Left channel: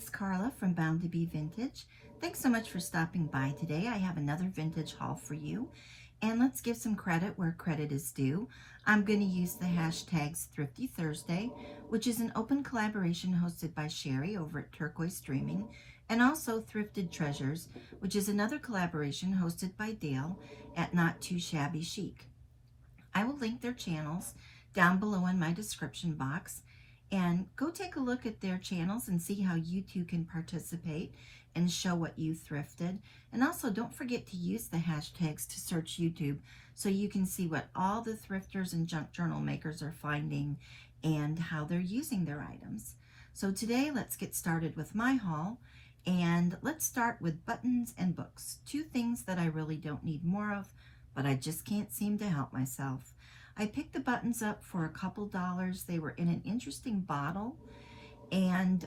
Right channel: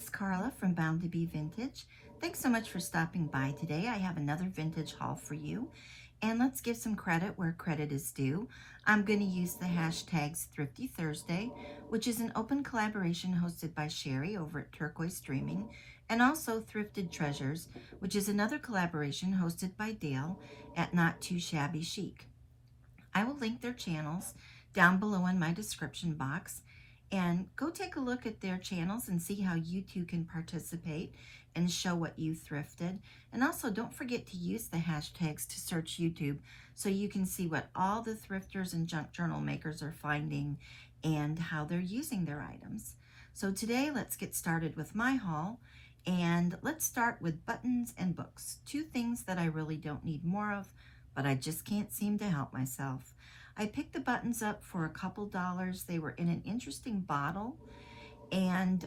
it's Carla from Bound to Be Vintage. Thanks so much for stopping by today. I have another vintage haul for you. And let's give some credit where credit is due. I'm going to use the hashtags Thrifty Thursday, which is an open collaboration hosted by Sheree over at Turquoise Streaming, and also Thrifted Treasures, which is another collaboration hosted by Dale at Not Too Shabby Chic. I will link their channels down below in my description box, and go take a look at their channels and see how you too can participate and show what you thrifted. And also don't forget to use the hashtags to search YouTube so you can see what all the thrifters and junk journal makers are finding and how they're using their items. So today let's get started with my haul, and let's start with buttons and books. Two things that I really don't need more of, but I just can't seem to help myself. I picked the buttons up for a couple dollars. They were in an interesting bottle, and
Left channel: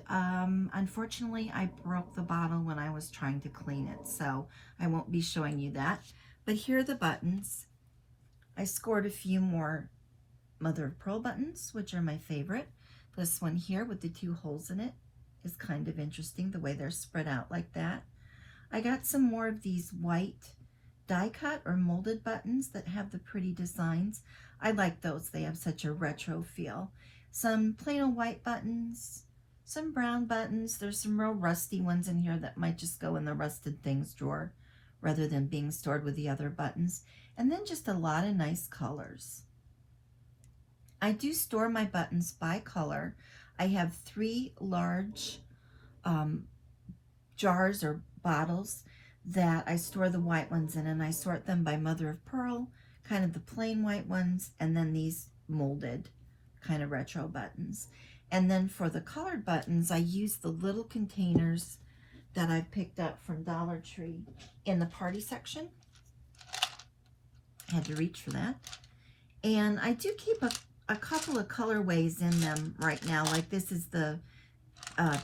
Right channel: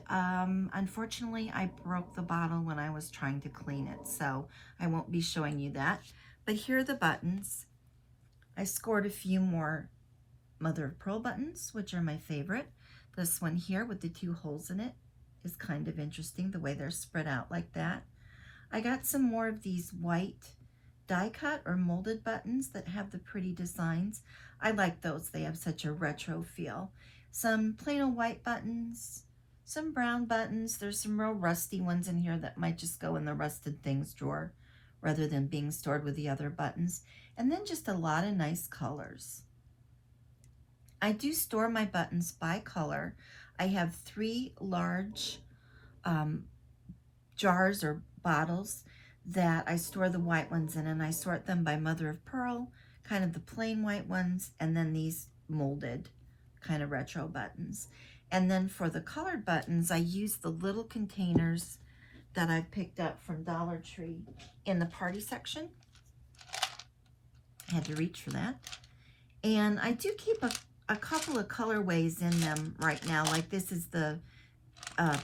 unfortunately I broke the bottle when I was trying to clean it, so I won't be showing you that. But here are the buttons. I scored a few more mother of pearl buttons, which are my favorite. This one here with the two holes in it is kind of interesting, the way they're spread out like that. I got some more of these white die cut or molded buttons that have the pretty designs. I like those. They have such a retro feel. Some plain old white buttons, some brown buttons. There's some real rusty ones in here that might just go in the rusted things drawer rather than being stored with the other buttons. And then just a lot of nice colors. I do store my buttons by color. I have 3 large jars or bottles that I store the white ones in, and I sort them by mother of pearl, kind of the plain white ones, and then these molded kind of retro buttons. And then for the colored buttons, I use the little containers that I picked up from Dollar Tree in the party section. I had to reach for that. And I do keep a couple of colorways in them right now. Like this is the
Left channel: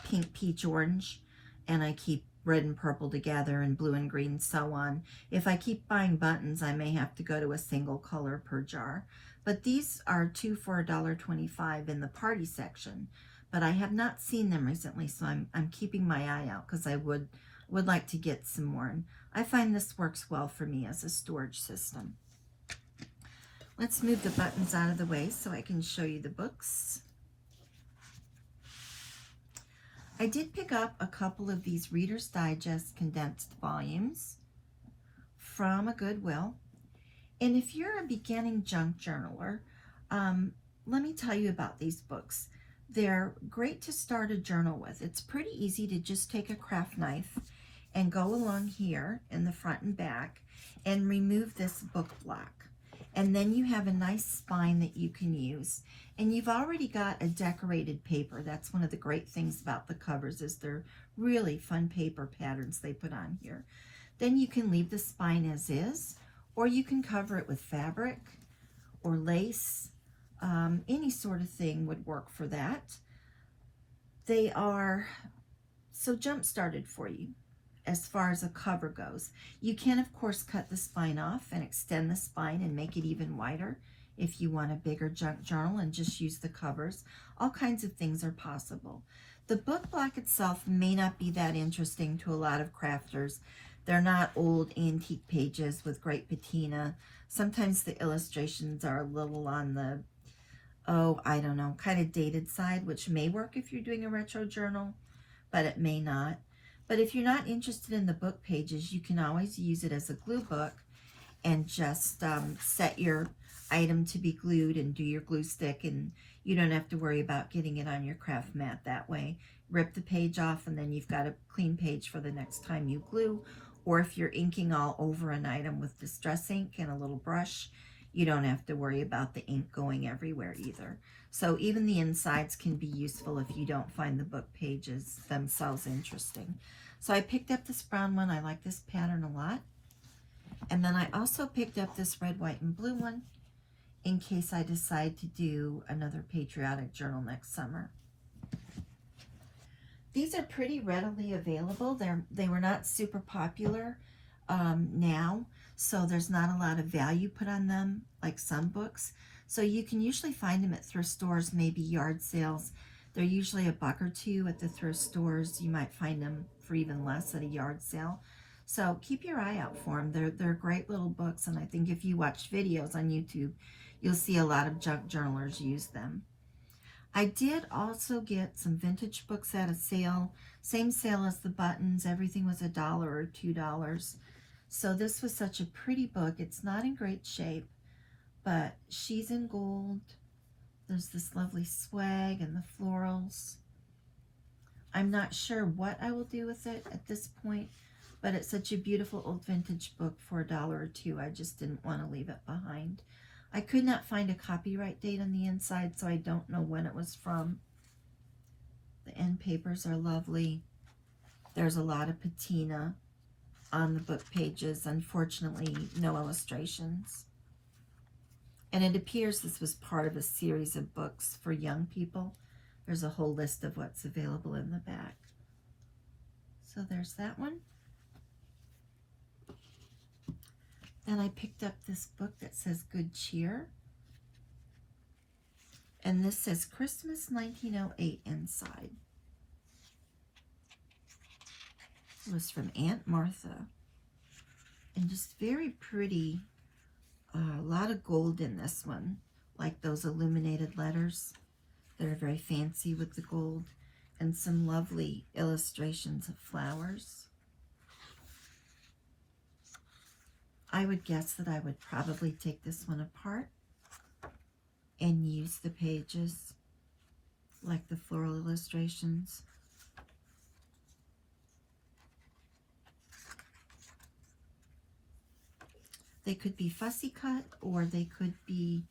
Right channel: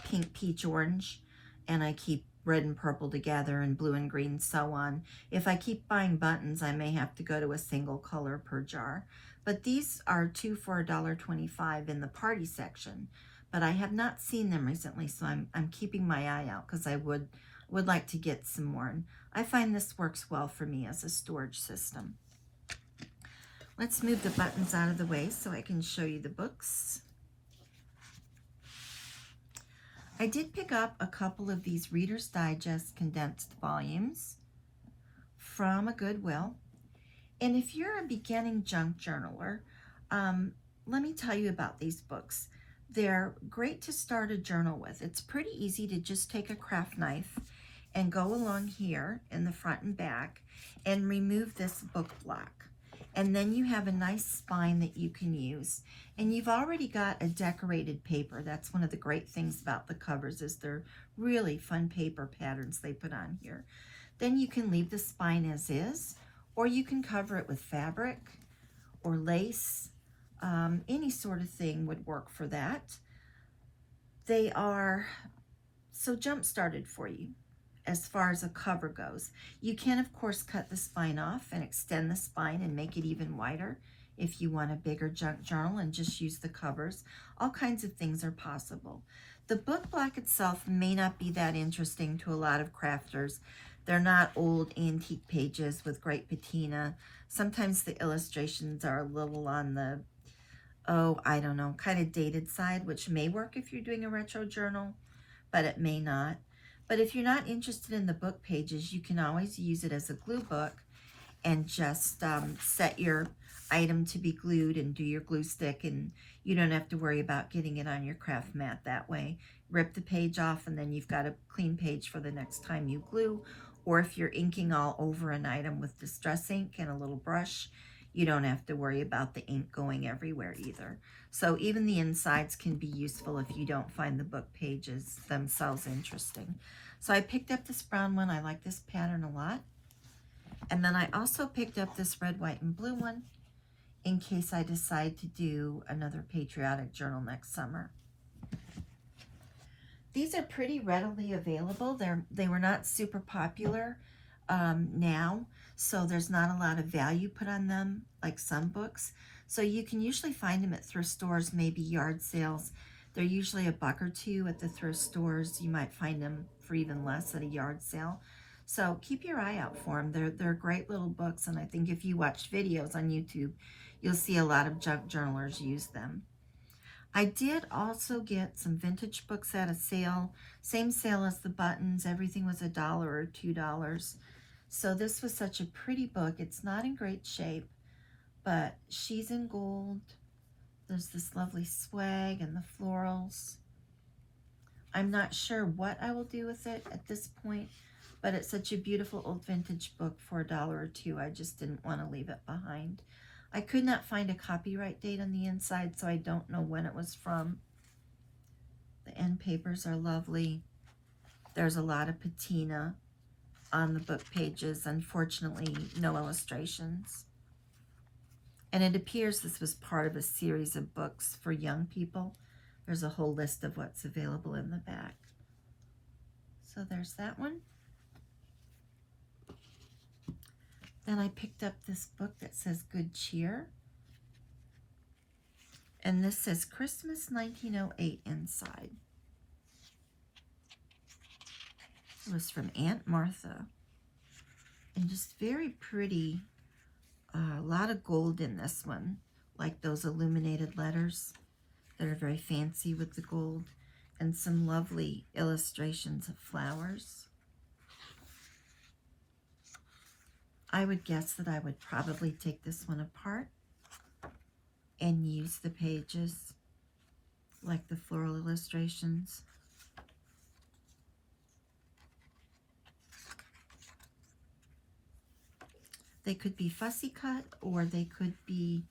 pink, peach, orange, and I keep red and purple together, and blue and green, so on. If I keep buying buttons, I may have to go to a single color per jar. But these are 2 for $1.25 in the party section. But I have not seen them recently, so I'm keeping my eye out because I would like to get some more. And I find this works well for me as a storage system. Let's move the buttons out of the way so I can show you the books. I did pick up a couple of these Reader's Digest condensed volumes from a Goodwill. And if you're a beginning junk journaler, let me tell you about these books. They're great to start a journal with. It's pretty easy to just take a craft knife and go along here in the front and back and remove this book block. And then you have a nice spine that you can use. And you've already got a decorated paper. That's one of the great things about the covers, is they're really fun paper patterns they put on here. Then you can leave the spine as is, or you can cover it with fabric or lace. Any sort of thing would work for that. They are so jump-started for you as far as a cover goes. You can, of course, cut the spine off and extend the spine and make it even wider if you want a bigger junk journal and just use the covers. All kinds of things are possible. The book block itself may not be that interesting to a lot of crafters. They're not old antique pages with great patina. Sometimes the illustrations are a little on the, I don't know, kind of dated side, which may work if you're doing a retro journal, but it may not. But if you're not interested in the book pages, you can always use it as a glue book and just set your item to be glued and do your glue stick, and you don't have to worry about getting it on your craft mat that way. Rip the page off, and then you've got a clean page for the next time you glue. Or if you're inking all over an item with distress ink and a little brush, you don't have to worry about the ink going everywhere either. So even the insides can be useful if you don't find the book pages themselves interesting. So I picked up this brown one. I like this pattern a lot. And then I also picked up this red, white, and blue one in case I decide to do another patriotic journal next summer. These are pretty readily available. They were not super popular now, so there's not a lot of value put on them like some books. So you can usually find them at thrift stores, maybe yard sales. They're usually $1 or $2 at the thrift stores. You might find them for even less at a yard sale. So keep your eye out for them. They're great little books, and I think if you watch videos on YouTube, you'll see a lot of junk journalers use them. I did also get some vintage books at a sale. Same sale as the buttons. Everything was $1 or $2. So this was such a pretty book. It's not in great shape, but she's in gold. There's this lovely swag and the florals. I'm not sure what I will do with it at this point, but it's such a beautiful old vintage book for $1 or $2. I just didn't want to leave it behind. I could not find a copyright date on the inside, so I don't know when it was from. The end papers are lovely. There's a lot of patina on the book pages. Unfortunately, no illustrations. And it appears this was part of a series of books for young people. There's a whole list of what's available in the back. So there's that one. Then I picked up this book that says Good Cheer. And this says Christmas 1908 inside. It was from Aunt Martha. And just very pretty. A lot of gold in this one, like those illuminated letters that are very fancy with the gold, and some lovely illustrations of flowers. I would guess that I would probably take this one apart and use the pages like the floral illustrations. They could be fussy cut, or they could be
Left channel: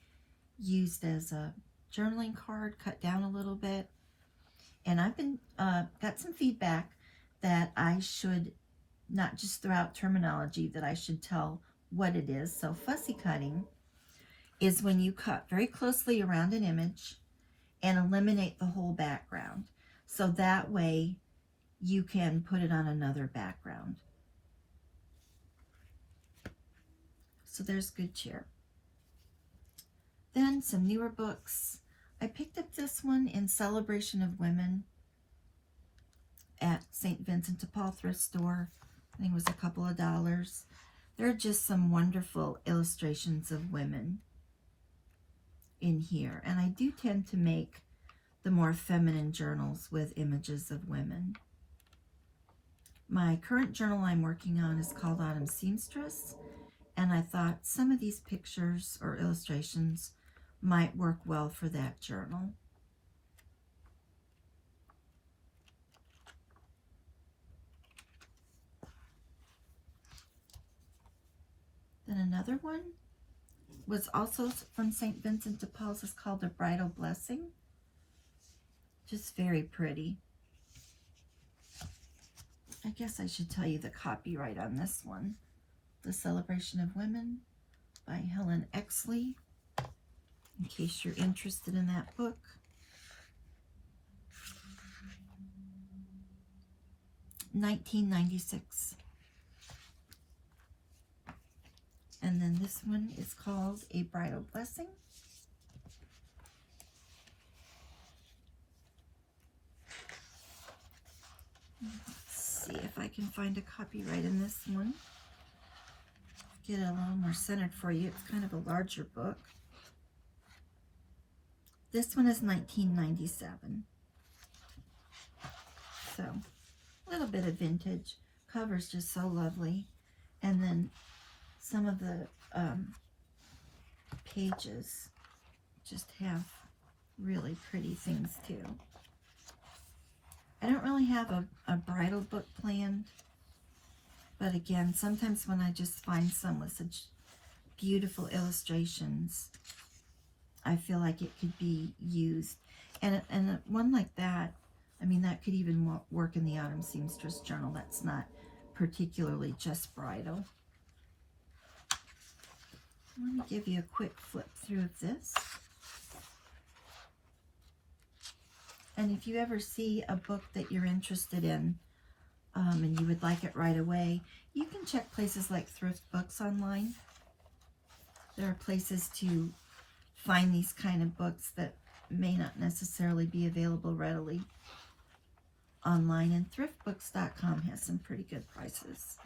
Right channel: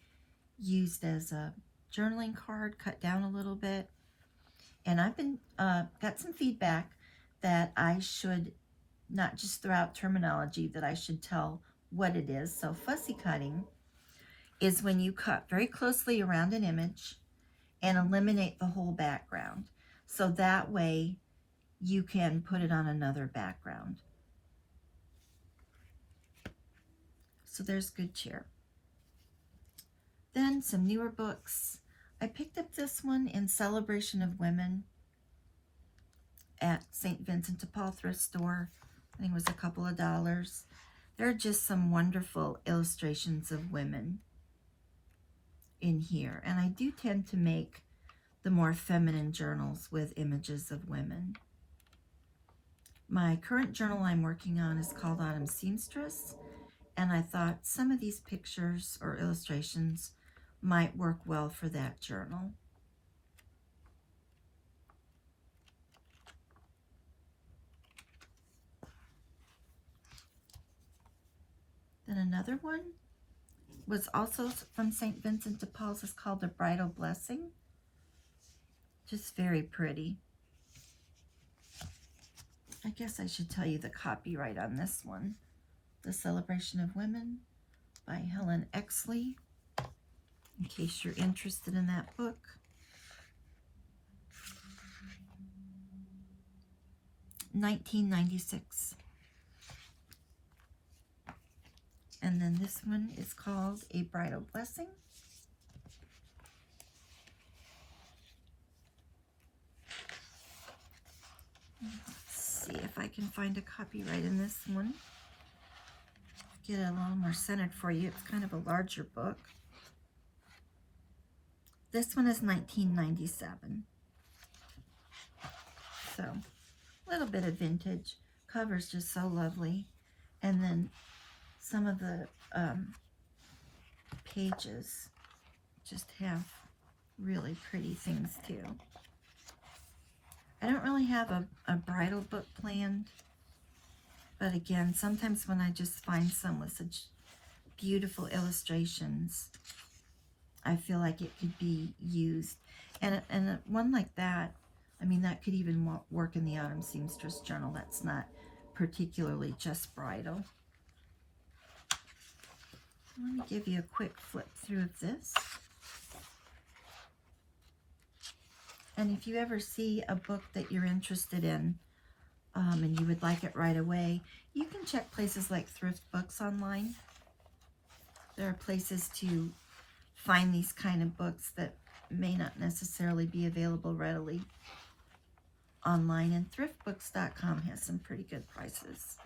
used as a journaling card, cut down a little bit. And I've been got some feedback that I should not just throw out terminology, that I should tell what it is. So fussy cutting is when you cut very closely around an image and eliminate the whole background. So that way you can put it on another background. So there's Good Cheer. Then some newer books. I picked up this one in celebration of women at St. Vincent de Paul thrift store. I think it was a couple of dollars. There are just some wonderful illustrations of women in here. And I do tend to make the more feminine journals with images of women. My current journal I'm working on is called Autumn Seamstress. And I thought some of these pictures or illustrations might work well for that journal. Then another one was also from St. Vincent de Paul's. It's called A Bridal Blessing. Just very pretty. I guess I should tell you the copyright on this one. The Celebration of Women by Helen Exley, in case you're interested in that book. $19.96. And then this one is called A Bridal Blessing. Let's see if I can find a copyright in this one. Get it a little more centered for you. It's kind of a larger book. This one is $19.97. So, a little bit of vintage. Cover's just so lovely. And then some of the pages just have really pretty things too. I don't really have a bridal book planned. But again, sometimes when I just find some with such beautiful illustrations, I feel like it could be used. And one like that, I mean, that could even work in the Autumn Seamstress Journal. That's not particularly just bridal. Let me give you a quick flip through of this. And if you ever see a book that you're interested in, and you would like it right away, you can check places like Thrift Books online. There are places to find these kind of books that may not necessarily be available readily online, and thriftbooks.com has some pretty good prices.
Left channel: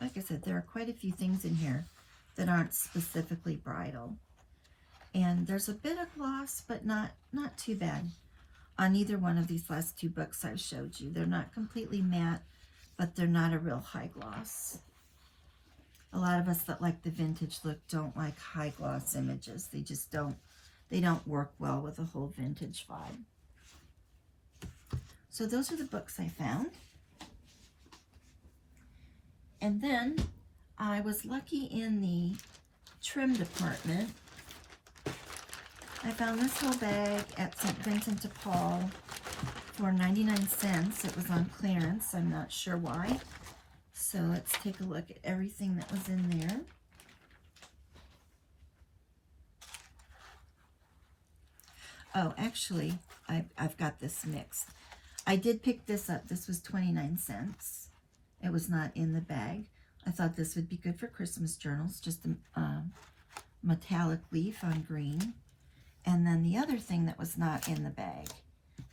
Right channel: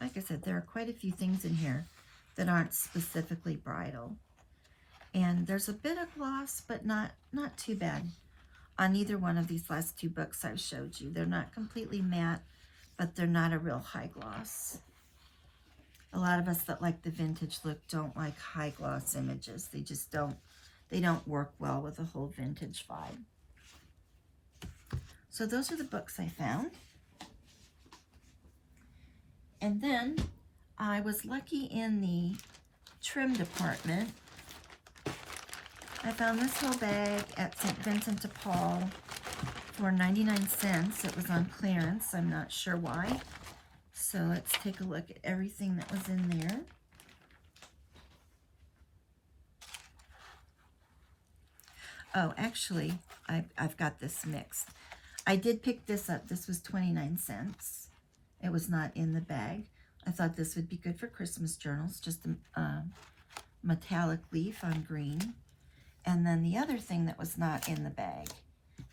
Like I said, there are quite a few things in here that aren't specifically bridal. And there's a bit of gloss, but not too bad on either one of these last two books I've showed you. They're not completely matte, but they're not a real high gloss. A lot of us that like the vintage look don't like high gloss images. They just don't work well with the whole vintage vibe. So those are the books I found. And then I was lucky in the trim department. I found this whole bag at St. Vincent de Paul for 99 cents. It was on clearance. I'm not sure why. So let's take a look at everything that was in there. Oh, actually, I've got this mixed. I did pick this up. This was 29 cents. It was not in the bag. I thought this would be good for Christmas journals, just a metallic leaf on green. And then the other thing that was not in the bag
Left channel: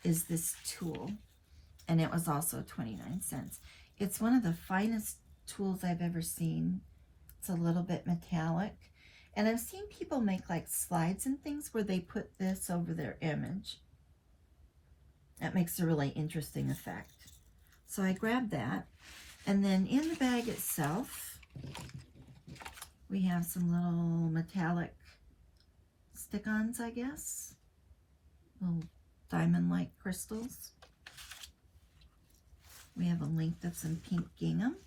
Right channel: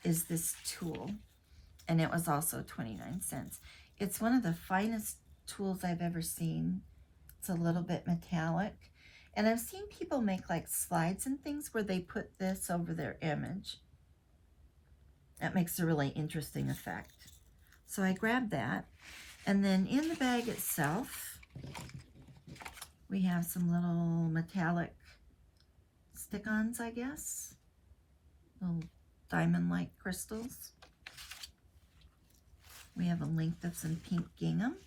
is this tulle, and it was also 29 cents. It's one of the finest tools I've ever seen. It's a little bit metallic, and I've seen people make like slides and things where they put this over their image. That makes a really interesting effect. So I grabbed that. And then in the bag itself, we have some little metallic stick-ons, I guess. Little diamond-like crystals. We have a length of some pink gingham.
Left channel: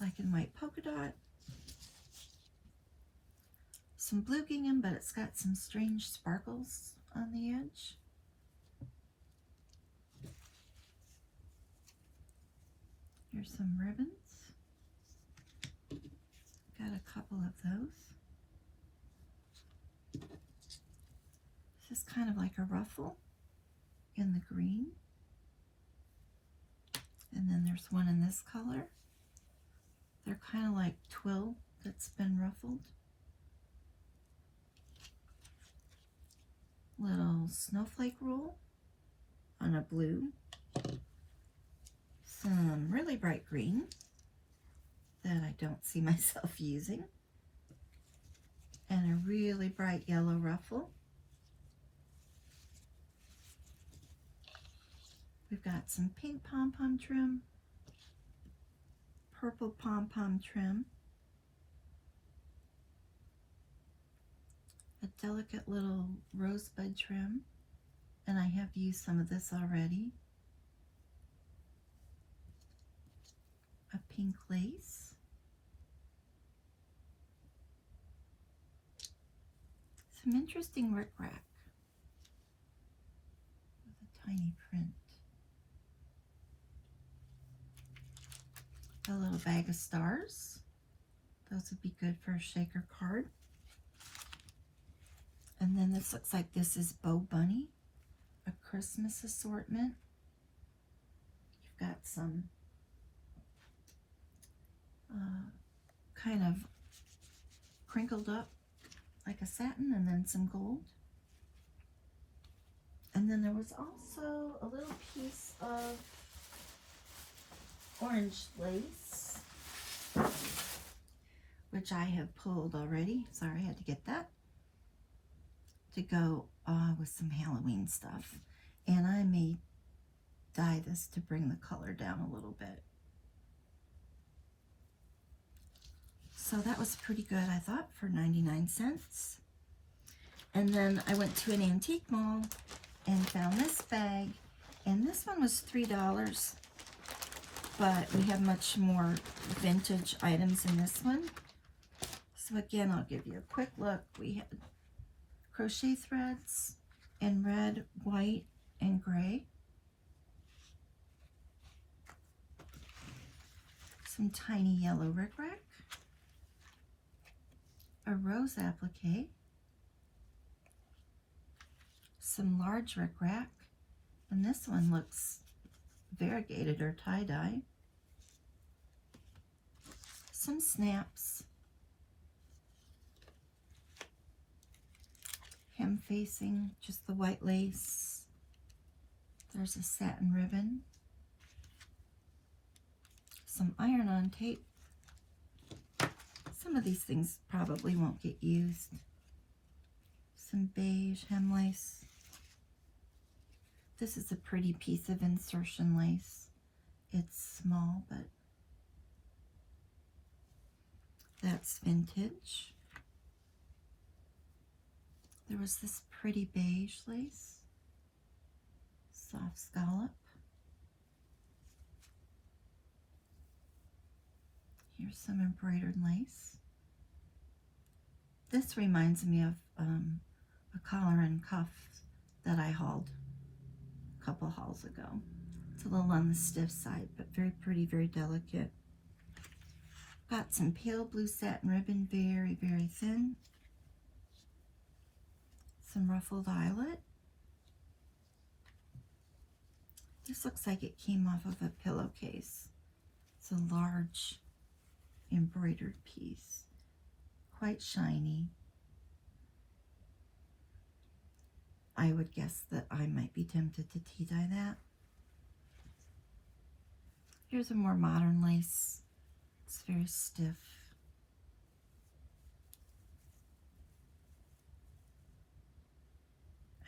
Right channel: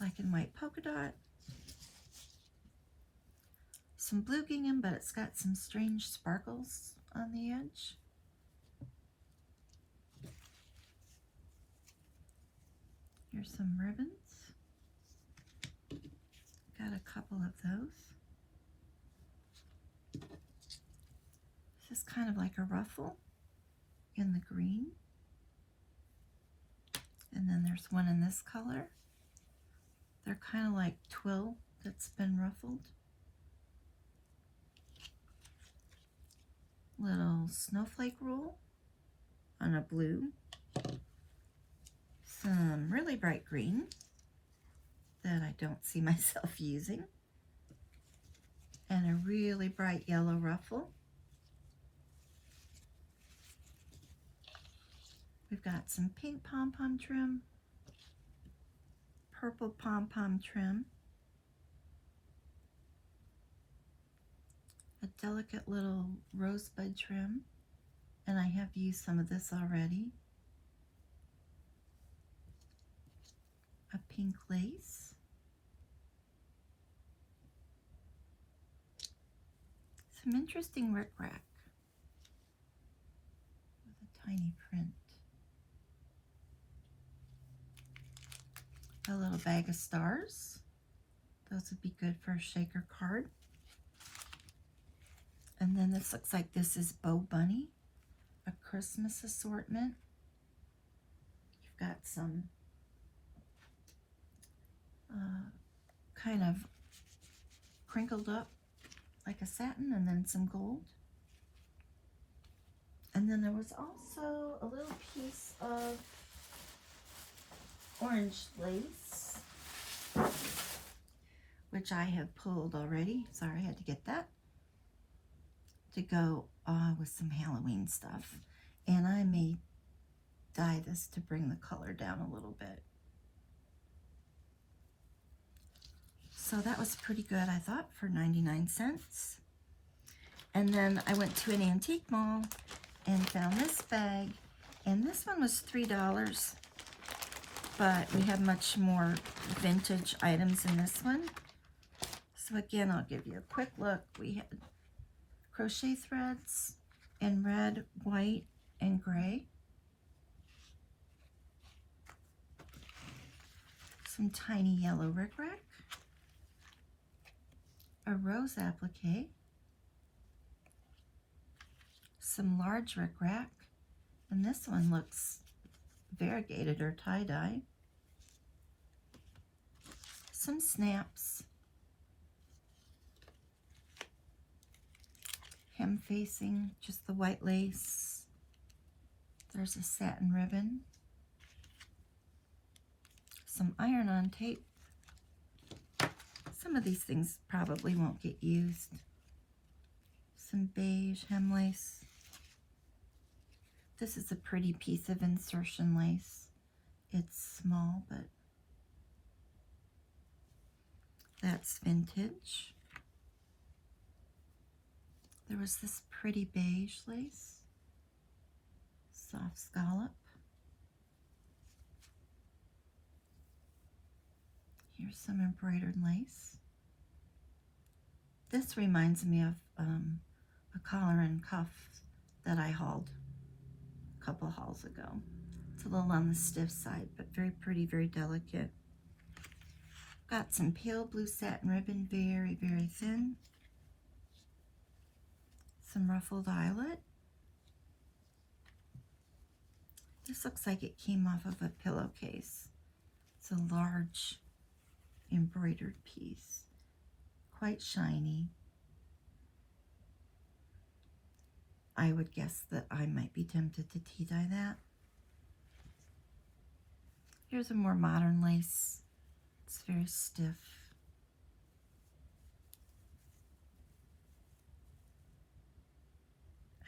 Black and white polka dot. Some blue gingham, but it's got some strange sparkles on the edge. Here's some ribbons. Got a couple of those. This is kind of like a ruffle in the green. And then there's one in this color. They're kind of like twill that's been ruffled. Little snowflake roll on a blue. Some really bright green that I don't see myself using. And a really bright yellow ruffle. We've got some pink pom-pom trim, purple pom-pom trim, a delicate little rosebud trim, and I have used some of this already. A pink lace, some interesting rickrack, a tiny print, a little bag of stars. Those would be good for a shaker card. And then this looks like this is Bo Bunny, a Christmas assortment. You've got some kind of crinkled up like a satin, and then some gold. And then there was also a little piece of orange lace, which I have pulled already. Sorry, I had to get that to go with some Halloween stuff. And I may dye this to bring the color down a little bit. So that was pretty good, I thought, for 99 cents. And then I went to an antique mall and found this bag. And this one was $3, but we have much more vintage items in this one. So again, I'll give you a quick look. We had crochet threads in red, white, and gray. Some tiny yellow rickrack. A rose applique, some large rickrack, and this one looks variegated or tie-dye. Some snaps, hem facing, just the white lace. There's a satin ribbon, some iron-on tape. Some of these things probably won't get used. Some beige hem lace. This is a pretty piece of insertion lace. It's small, but that's vintage. There was this pretty beige lace, soft scallop. Here's some embroidered lace. This reminds me of a collar and cuff that I hauled a couple hauls ago. It's a little on the stiff side, but very pretty, very delicate. Got some pale blue satin ribbon, very, very thin. Some ruffled eyelet. This looks like it came off of a pillowcase. It's a large embroidered piece, quite shiny. I would guess that I might be tempted to tea dye that. Here's a more modern lace. It's very stiff.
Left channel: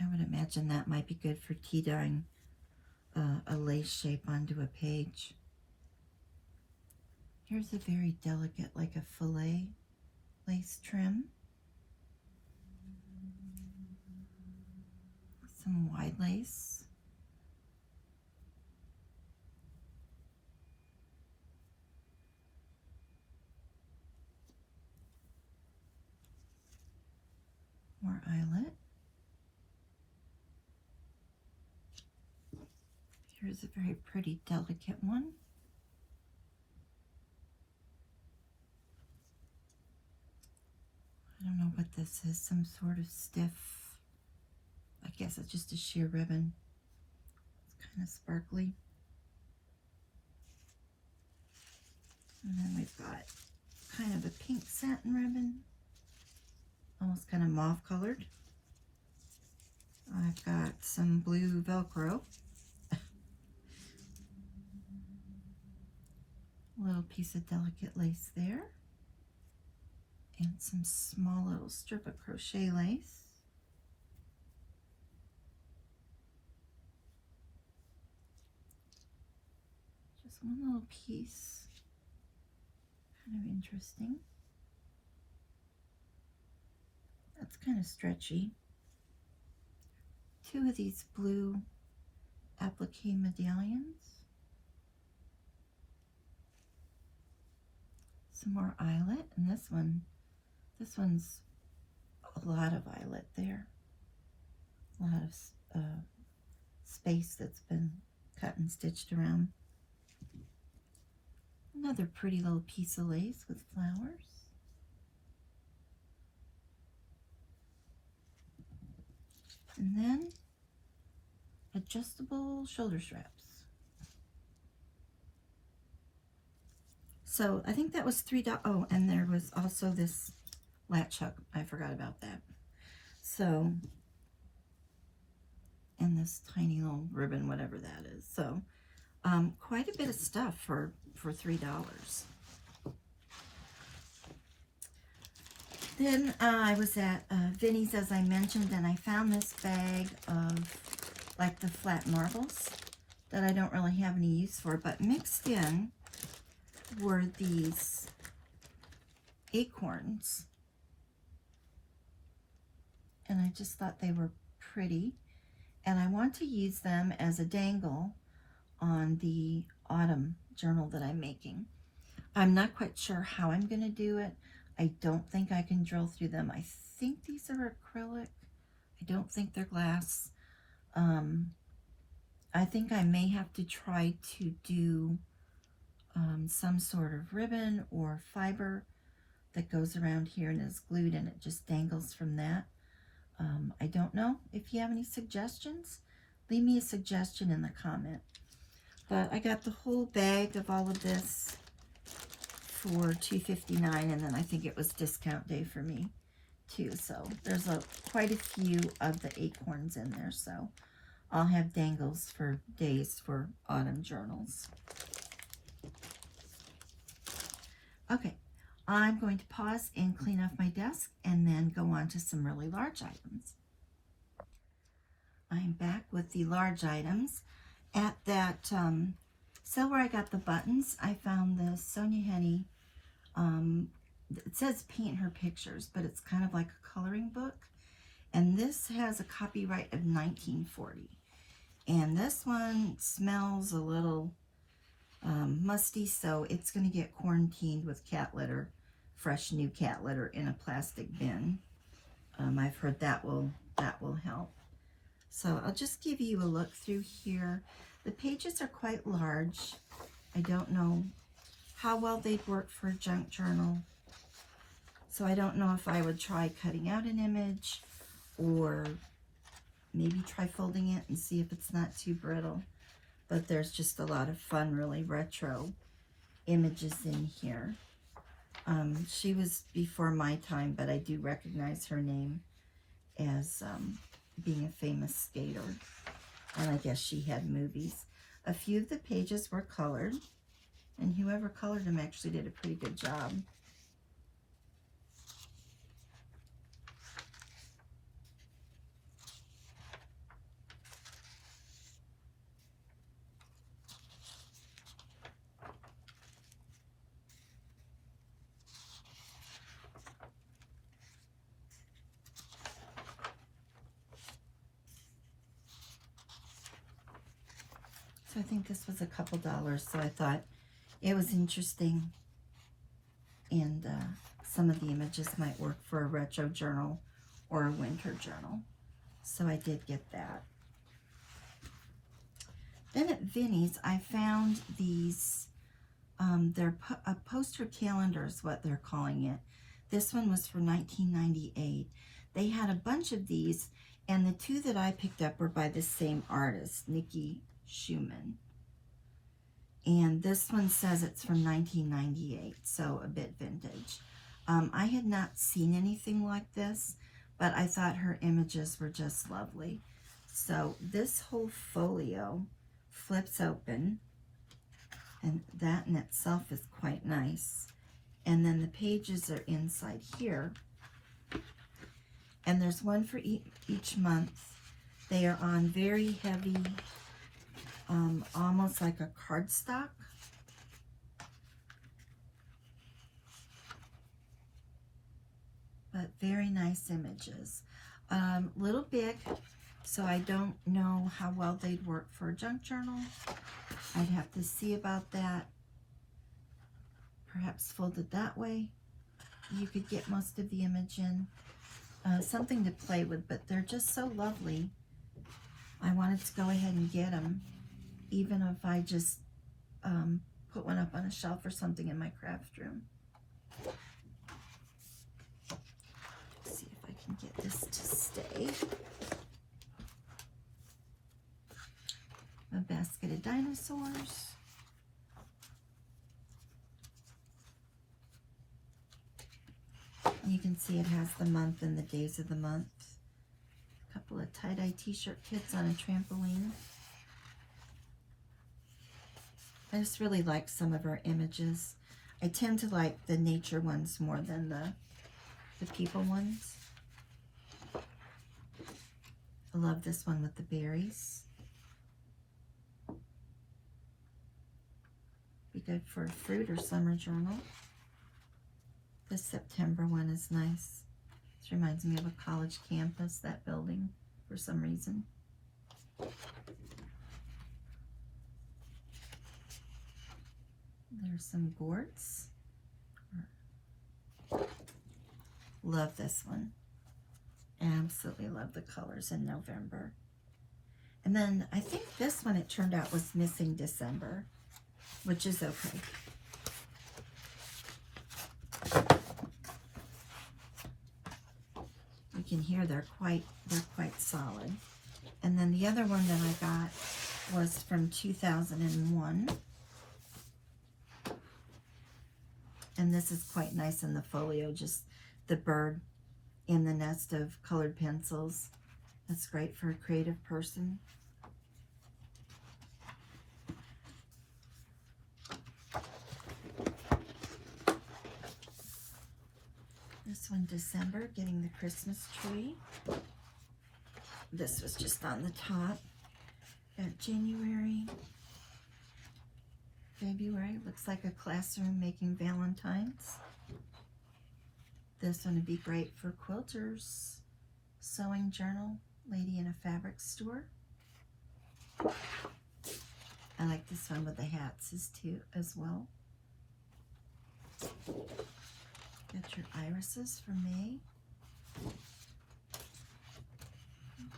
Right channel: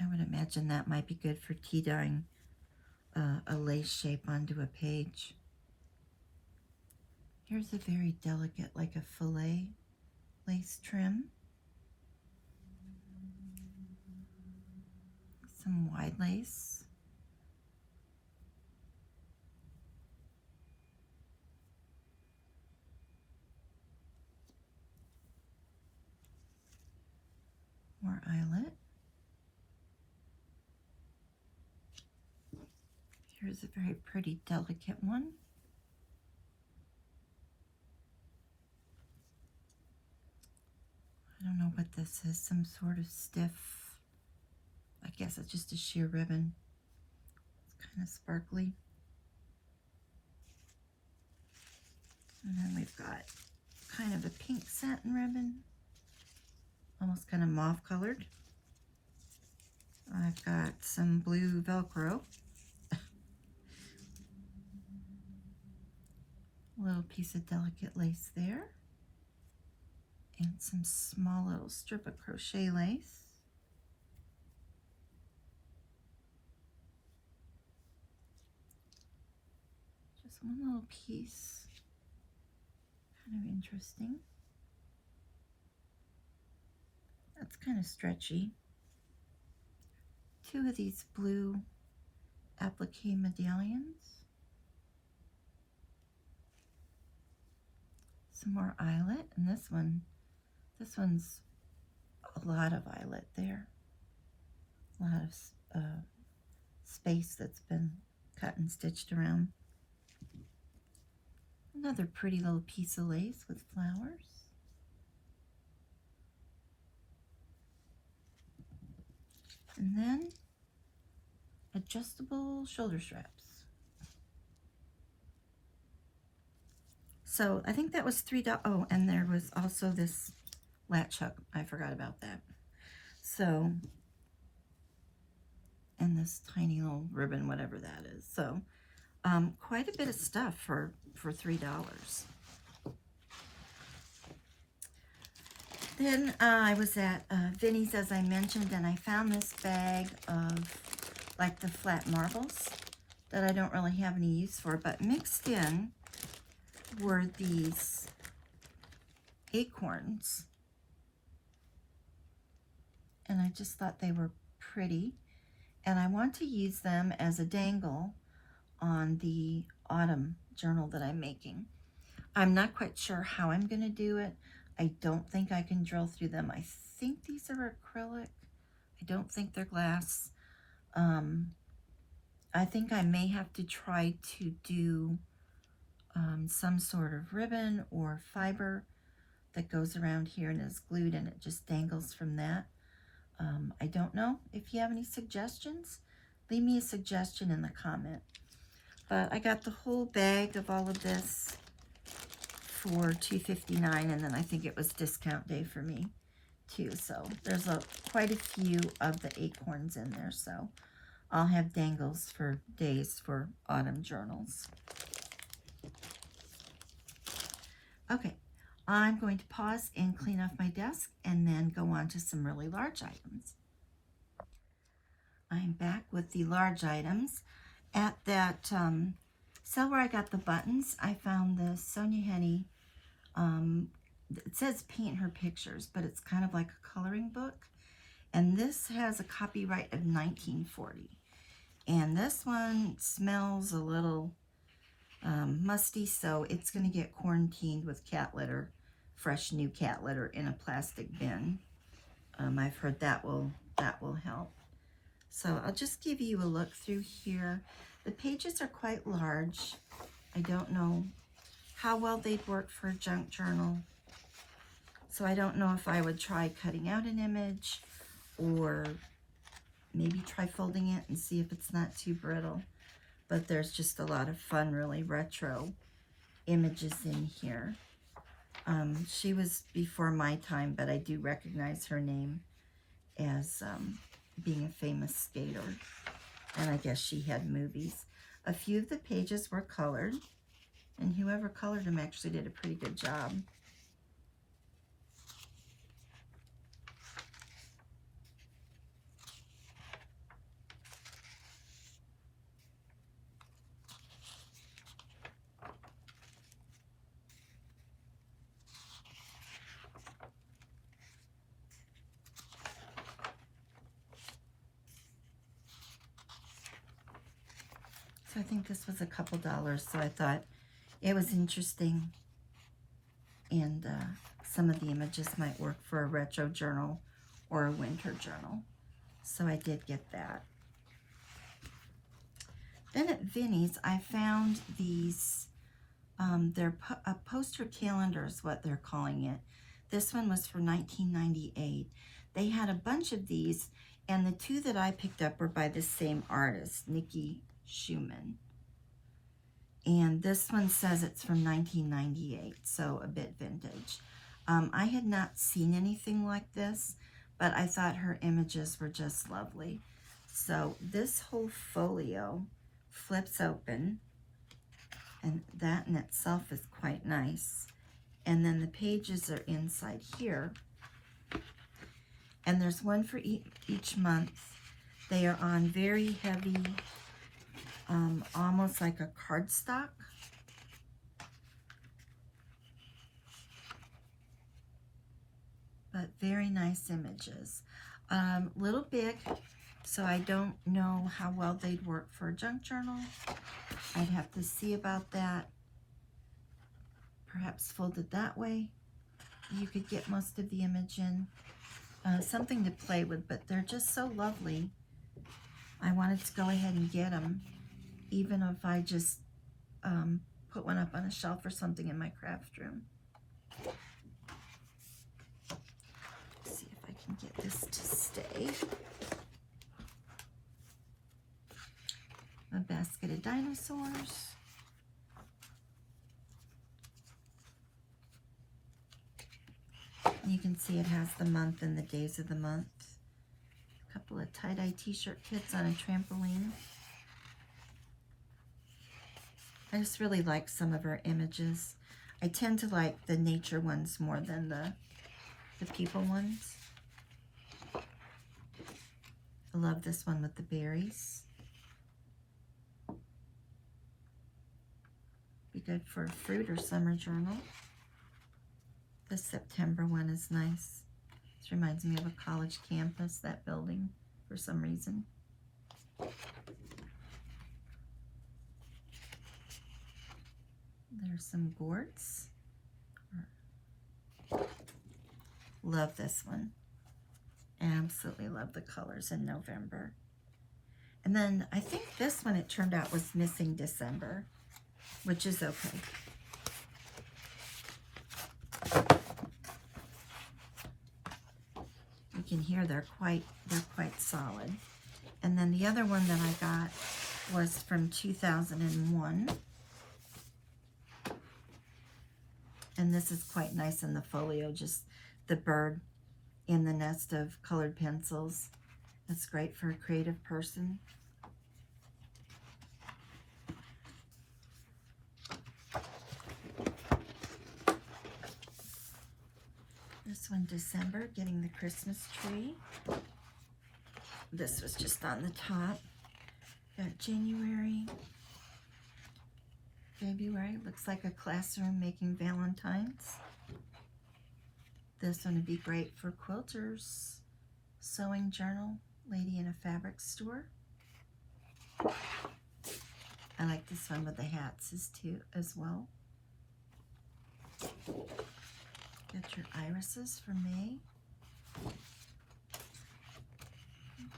I would imagine that might be good for tea dyeing a lace shape onto a page. Here's a very delicate, like a fillet lace trim. Some wide lace. More eyelet. Here's a very pretty, delicate one. I don't know what this is, some sort of stiff, I guess it's just a sheer ribbon. It's kind of sparkly. And then we've got kind of a pink satin ribbon, almost kind of mauve colored. I've got some blue Velcro. A little piece of delicate lace there. And some small little strip of crochet lace. Just one little piece. Kind of interesting. That's kind of stretchy. Two of these blue applique medallions. Some more eyelet, and this one's a lot of eyelet there. A lot of space that's been cut and stitched around. Another pretty little piece of lace with flowers. And then adjustable shoulder straps. So I think that was $3. Oh, and there was also this latch hook. I forgot about that. So, and this tiny little ribbon, whatever that is. So, quite a bit of stuff for $3. Then I was at Vinnie's, as I mentioned, and I found this bag of like the flat marbles that I don't really have any use for, but mixed in were these acorns, and I just thought they were pretty, and I want to use them as a dangle on the autumn journal that I'm making. I'm not quite sure how I'm going to do it. I don't think I can drill through them. I think these are acrylic. I don't think they're glass. I think I may have to try to do some sort of ribbon or fiber that goes around here and is glued, and it just dangles from that. I don't know if you have any suggestions. Leave me a suggestion in the comment. But I got the whole bag of all of this for $2.59, and then I think it was discount day for me too. So there's quite a few of the acorns in there. So I'll have dangles for days for autumn journals. Okay, I'm going to pause and clean off my desk and then go on to some really large items. I'm back with the large items. At that sale where I got the buttons, I found the Sonia Honey, it says paint her pictures, but it's kind of like a coloring book. And this has a copyright of 1940. And this one smells a little musty, so it's going to get quarantined with cat litter, fresh new cat litter in a plastic bin. I've heard that will help. So I'll just give you a look through here. The pages are quite large. I don't know how well they'd work for a junk journal. So I don't know if I would try cutting out an image or maybe try folding it and see if it's not too brittle. But there's just a lot of fun, really retro images in here. She was before my time, but I do recognize her name as being a famous skater. And I guess she had movies. A few of the pages were colored, and whoever colored them actually did a pretty good job. So I think this was a couple dollars, so I thought it was interesting, and some of the images might work for a retro journal or a winter journal. So I did get that. Then at Vinnie's, I found these, they're a poster calendar is what they're calling it. This one was for $19.98. They had a bunch of these, and the two that I picked up were by the same artist, Nikki Schuman. And this one says it's from 1998, so a bit vintage. I had not seen anything like this, but I thought her images were just lovely. So this whole folio flips open, and that in itself is quite nice. And then the pages are inside here, and there's one for each month. They are on very heavy, almost like a cardstock. But very nice images. Little big, so I don't know how well they'd work for a junk journal. I'd have to see about that. Perhaps folded that way, you could get most of the image in. Something to play with, but they're just so lovely. I wanted to go ahead and get them, even if I just put one up on a shelf or something in my craft room. Let's see if I can get this to stay. A basket of dinosaurs. You can see it has the month and the days of the month. A couple of tie-dye t-shirt kits on a trampoline. I just really like some of her images. I tend to like the nature ones more than the people ones. I love this one with the berries. Be good for a fruit or summer journal. The September one is nice. This reminds me of a college campus, that building, for some reason. There's some boards. Love this one. Absolutely love the colors in November. And then I think this one, it turned out, was missing December, which is okay. You can hear they're quite solid. And then the other one that I got was from 2001. And this is quite nice in the folio, just the bird in the nest of colored pencils. That's great for a creative person. This one, December, getting the Christmas tree. This was just on the top. Got January, February, looks like a classroom making Valentines. This one would be great for quilters. Sewing journal, lady in a fabric store. I like this one with the hats as well. Got your irises for May,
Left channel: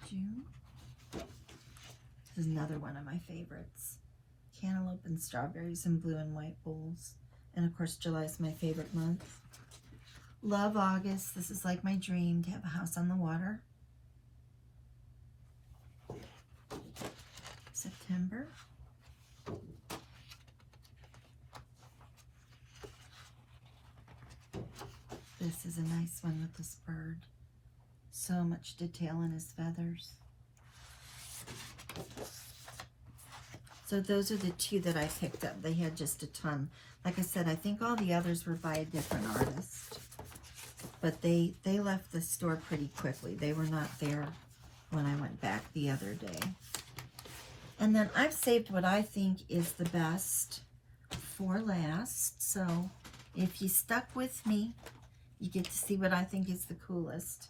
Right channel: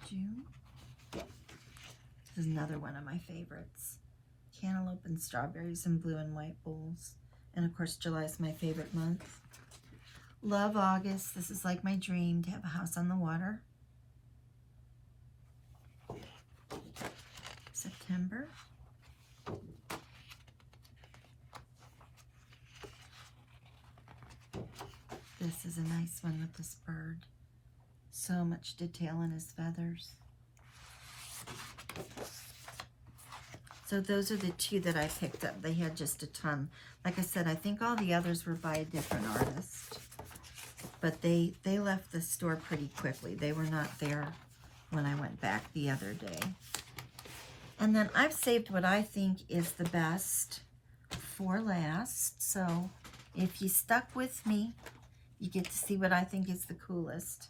June. This is another one of my favorites. Cantaloupe and strawberries in blue and white bowls. And of course, July is my favorite month. Love August. This is like my dream to have a house on the water. September. This is a nice one with this bird. So much detail in his feathers. So those are the two that I picked up. They had just a ton. Like I said, I think all the others were by a different artist. But they left the store pretty quickly. They were not there when I went back the other day. And then I've saved what I think is the best for last. So if you stuck with me, you get to see what I think is the coolest.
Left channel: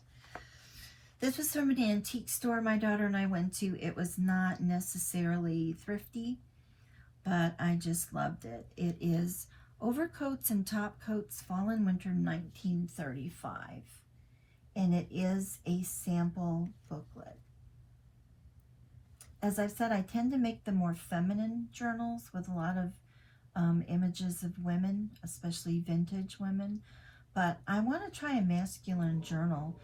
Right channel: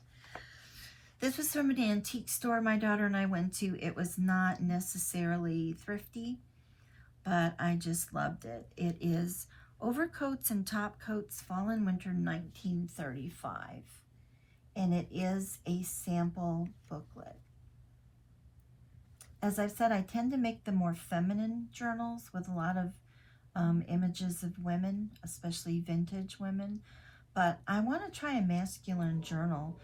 This was from an antique store my daughter and I went to. It was not necessarily thrifty, but I just loved it. It is Overcoats and Top Coats Fall and Winter 1935. And it is a sample booklet. As I've said, I tend to make the more feminine journals with a lot of images of women, especially vintage women. But I want to try a masculine journal.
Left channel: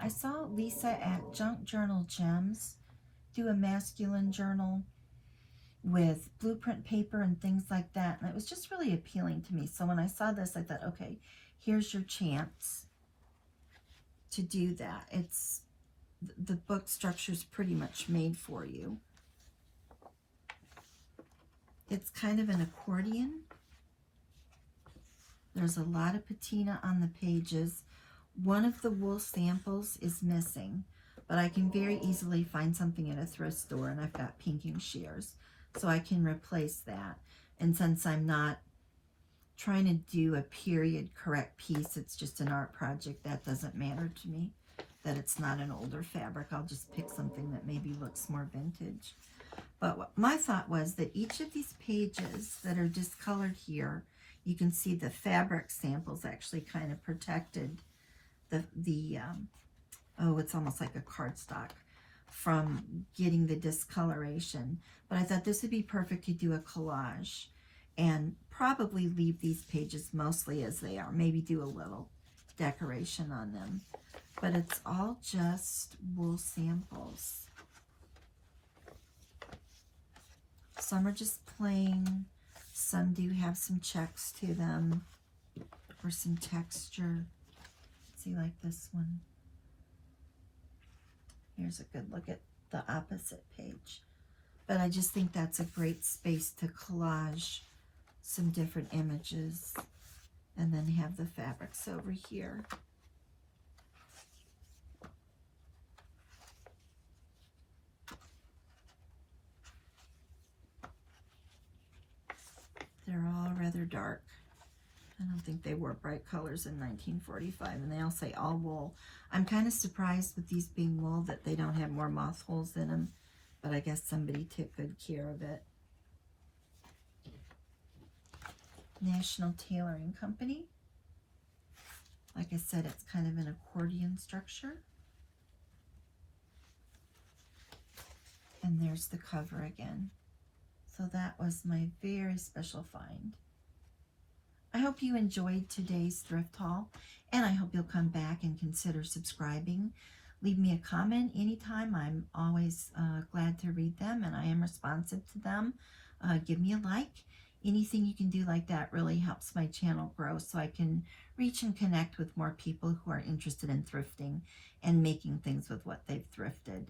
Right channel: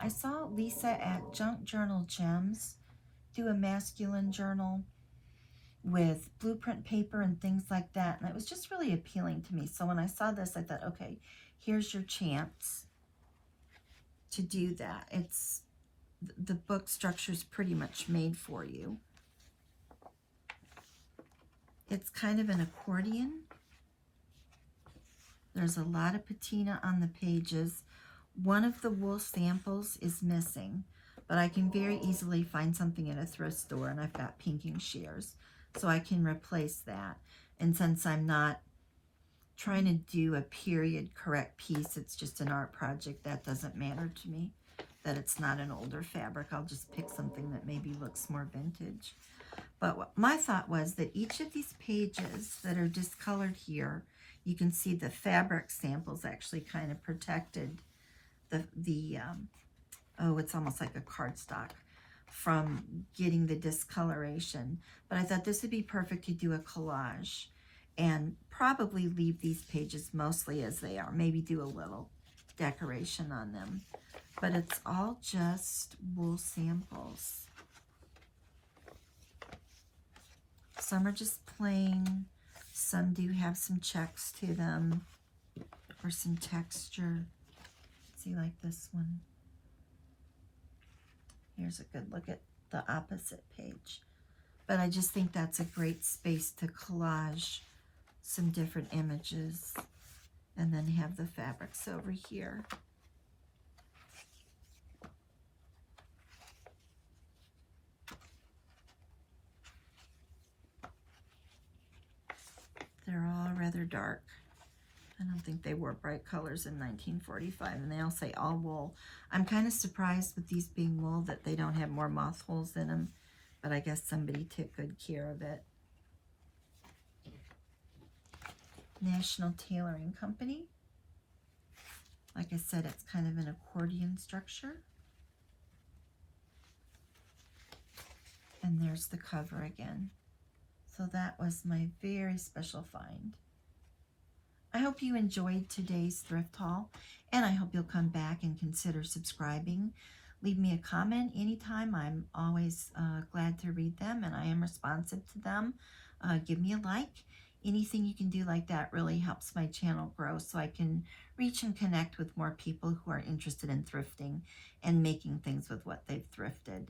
I saw Lisa at Junk Journal Gems do a masculine journal with blueprint paper and things like that. And it was just really appealing to me. So when I saw this, I thought, okay, here's your chance to do that. It's the book structure is pretty much made for you. It's kind of an accordion. There's a lot of patina on the pages. One of the wool samples is missing, but I can very easily find something in a thrift store, and I've got pinking shears, so I can replace that. And since I'm not trying to do a period correct piece, it's just an art project, that doesn't matter to me, that it's not an older fabric. I'll just pick something that maybe looks more vintage. But what my thought was that each of these pages that are discolored here, you can see the fabric samples actually kind of protected oh, it's almost like a cardstock from getting the discoloration. But I thought this would be perfect to do a collage and probably leave these pages mostly as they are, maybe do a little decoration on them. But it's all just wool samples. Some are just plain, some do have some checks to them or some texture. See, like this one. Here's a good look at the opposite page. But I just think that's a great space to collage some different images and then have the fabrics over here. They're all rather dark. I don't think they wore bright colors in 1945, and they all say all wool. I'm kind of surprised with these being wool that they don't have more moth holes in them, but I guess somebody took good care of it. National Tailoring Company. Like I said, it's kind of an accordion structure. And there's the cover again. So that was my very special find. I hope you enjoyed today's thrift haul, and I hope you'll come back and consider subscribing. Leave me a comment anytime. I'm always glad to read them, and I am responsive to them. Give me a like. Anything you can do like that really helps my channel grow so I can reach and connect with more people who are interested in thrifting and making things with what they've thrifted.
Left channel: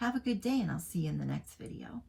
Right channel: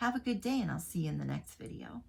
Have a good day, and I'll see you in the next video.